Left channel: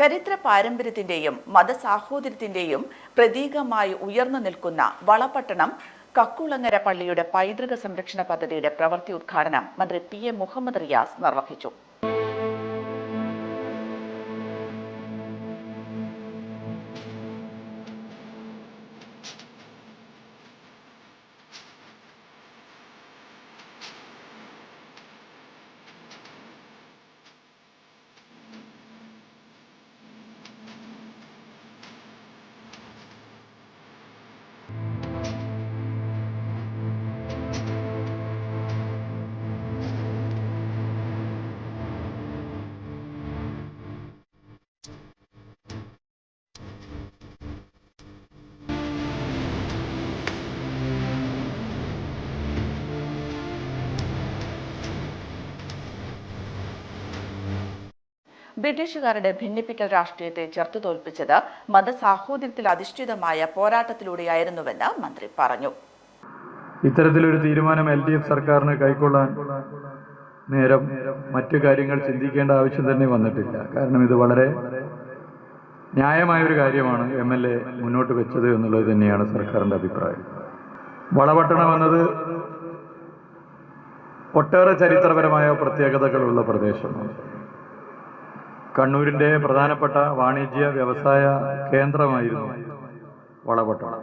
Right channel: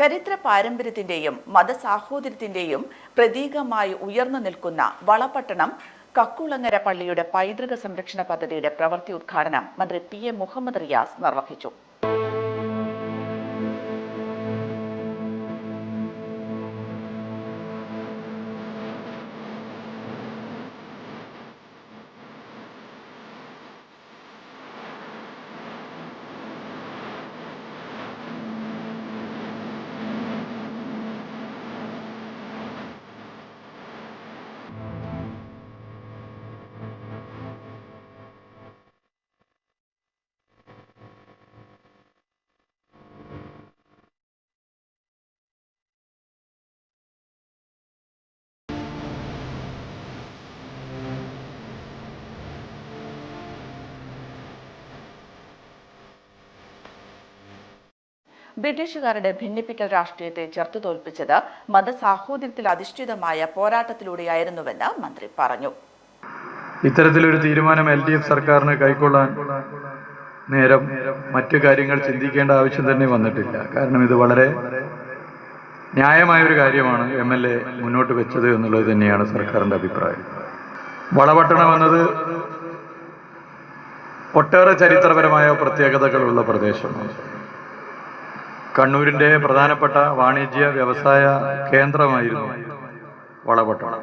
ചരിത്ര പാരമ്പര്യത്തിന്റെയും മതസാഹോദര്യത്തിന്റെയും പ്രതീകമായി ഉയർന്നു നിൽക്കുന്ന വളപട്ടണം കക്കുളങ്ങര പള്ളിയുടെ പൈതൃക സംരക്ഷണ പദ്ധതിയുടെ പ്രവൃത്തി ഉദ്ഘാടനം മന്ത്രി PM മുഹമ്മദ് റിയാസ് നിർവഹിച്ചു. ബ്രിട്ടീഷുകാരുടെ ഭിന്നിപ്പിക്കൽ രാഷ്ട്രീയത്തെ ചെറുത്തുതോൽപ്പിച്ചത് മതസാഹോദര്യത്തിൽ അധിഷ്ഠിതമായ പോരാട്ടത്തിലൂടെയായിരുന്നുവെന്ന് മന്ത്രി പറഞ്ഞു. ഇത്തരത്തിലൊരു തീരുമാനം LDF സർക്കാരിന് കൈക്കൊള്ളാൻ നേരം മറ്റു കാര്യങ്ങൾ ചിന്തിക്കേണ്ട ആവശ്യം തന്നെ വന്നിട്ടില്ല. കാരണം ഇത് വളരെ ന്യായമായൊരു കാര്യമാണ് MLA മുന്നോട്ട് വെച്ചത് എന്നുള്ളത് തന്നെയാണ് സർക്കാരിൻ്റെ അഭിപ്രായം. വളപട്ടണം എന്നത് ഒട്ടേറെ ചരിത്രപരമായ പ്രത്യേകതകളുള്ള പ്രദേശമാണ്. കണ്ണൂരിൻ്റെ പ്രധാനപ്പെട്ട വാണിജ്യ വ്യവസായ കേന്ദ്രമായിരുന്നു വളപട്ടണം.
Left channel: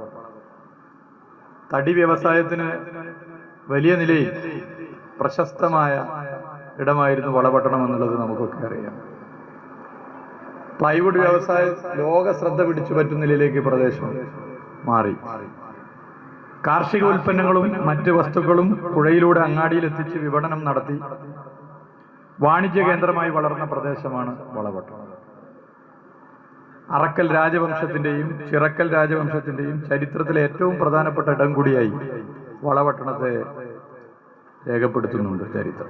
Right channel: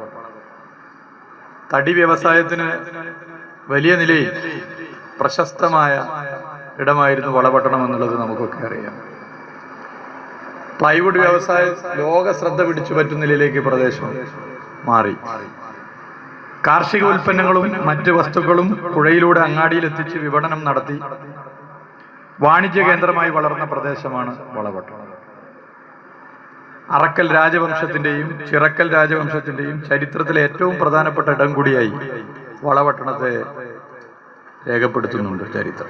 തടി വ്യവസായത്തിന് വലിയ നിലയിൽ പ്രശസ്തമായ ഇടമായിരുന്നു വളപട്ടണം എന്നുള്ളത് നമുക്കൊക്കെ അറിയാം. പ്ലൈവുഡ് വ്യവസായം ലോക ശ്രദ്ധ പിടിച്ചു പറ്റുന്ന നിലയിലേക്ക് പ്രദേശം മാറി. കാർഷിക ഉൽപ്പന്നങ്ങളും മറ്റ് വസ്തുക്കളും പുഴയിലൂടെ അങ്ങാടിയിലെത്തിച്ച് വിപണനം നടത്തി വാണിജ്യ കേന്ദ്രമായി വളർന്ന പ്രദേശമാണ് വളപട്ടണം. അറക്കൽ രാജവംശത്തിൻ്റെയും ചിറക്കൽ രാജവംശത്തിൻ്റെയും ചരിത്രത്തിലെ ഏറ്റവും പ്രധാനപ്പെട്ട ഇടം കൂടിയായി വളപട്ടണത്തെ രേഖപ്പെടുത്തുന്നുണ്ട് ചരിത്രം.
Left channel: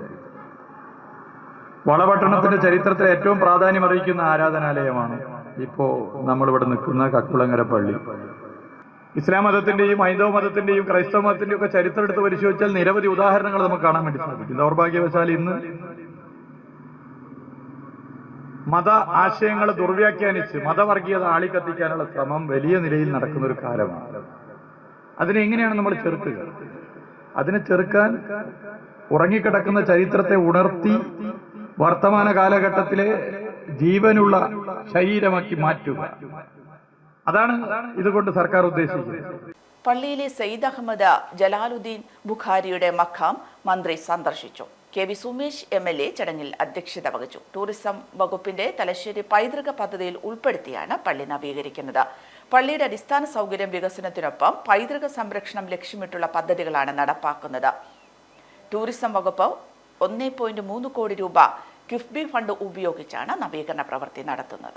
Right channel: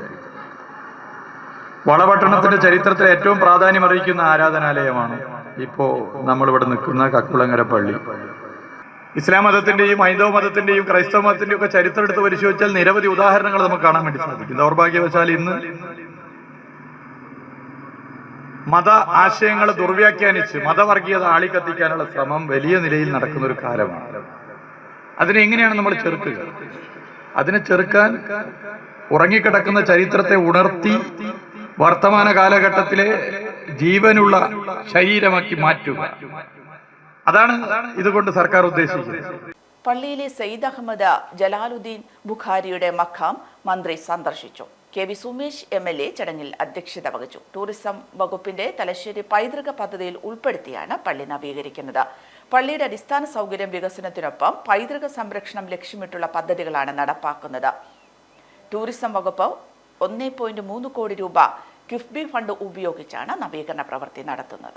വളപട്ടണത്തിന്റെ ചരിത്രത്തിലെ ഏറ്റവും പ്രാധാന്യം അറിയിക്കുന്ന ആരാധനാലയമാണ് ഇപ്പോൾ നമ്മളിവിടെ നിൽക്കുന്ന കക്കുളങ്ങര പള്ളി. ഇസ്ലാം മതത്തിന്റെയും ഹൈന്ദവ മതത്തിന്റെയും ക്രൈസ്തവ മതത്തിന്റെയും ഒക്കെ ചരിത്രം എടുത്ത് പരിശോധിച്ചാൽ നിരവധി ഉദാഹരണങ്ങൾ നമുക്ക് കാണാൻ വേണ്ടി സാധിക്കും. ദൗർഭാഗ്യവശാൽ ഇന്ന് മത ആശയങ്ങളെ ദുർവ്യാഖ്യാനിച്ച് മതവർഗീയത ആളിക്കത്തിക്കാനുള്ള ശ്രമം വലിയ നിലയിൽ നടക്കുന്ന ഒരു കാലമാണ്. അതിനെ എങ്ങനെയാണ് നമ്മൾ ചെറുക്കുക? അതിനെ ചെറുക്കാൻ ഉറങ്ങിക്കിടക്കുന്ന ചരിത്രത്തെ ഉണർത്തി വർത്തമാന കാലഘട്ടത്തിലെ ജീവനുള്ള ശരീരമാക്കി മാറ്റുക. അതാണ് ഇതുകൊണ്ട് സർക്കാർ ഉദ്ദേശിക്കുന്നത്. പള്ളിയിലെ സയ്യിദ് അഹമ്മദ് ജലാലുദ്ദീൻ ബുഖാരിയുടെ മഖാം മന്ത്രി സന്ദർശിച്ചു. KV സുമേഷ് MLA ചടങ്ങിൽ അധ്യക്ഷത വഹിച്ചു. ടൂറിസം വകുപ്പിന്റെ തലശ്ശേരി പൈതൃക പദ്ധതിയിൽ ഉൾപ്പെടുത്തിയാണ് പള്ളി നവീകരിക്കുന്നത്. പള്ളിയുടെ അടിസ്ഥാന സൗകര്യം വികസനത്തിനൊപ്പം പൈതൃക സംരക്ഷണം ലക്ഷ്യമിട്ടുള്ള പദ്ധതികളാണ് നടപ്പാക്കുന്നത്. ടൂറിസം വകുപ്പ് 1.3 കോടി രൂപ കിഫ്ബി ഫണ്ട് ഉപയോഗിച്ചാണ് നവീകരണ പ്രവൃത്തി നടത്തുന്നത്.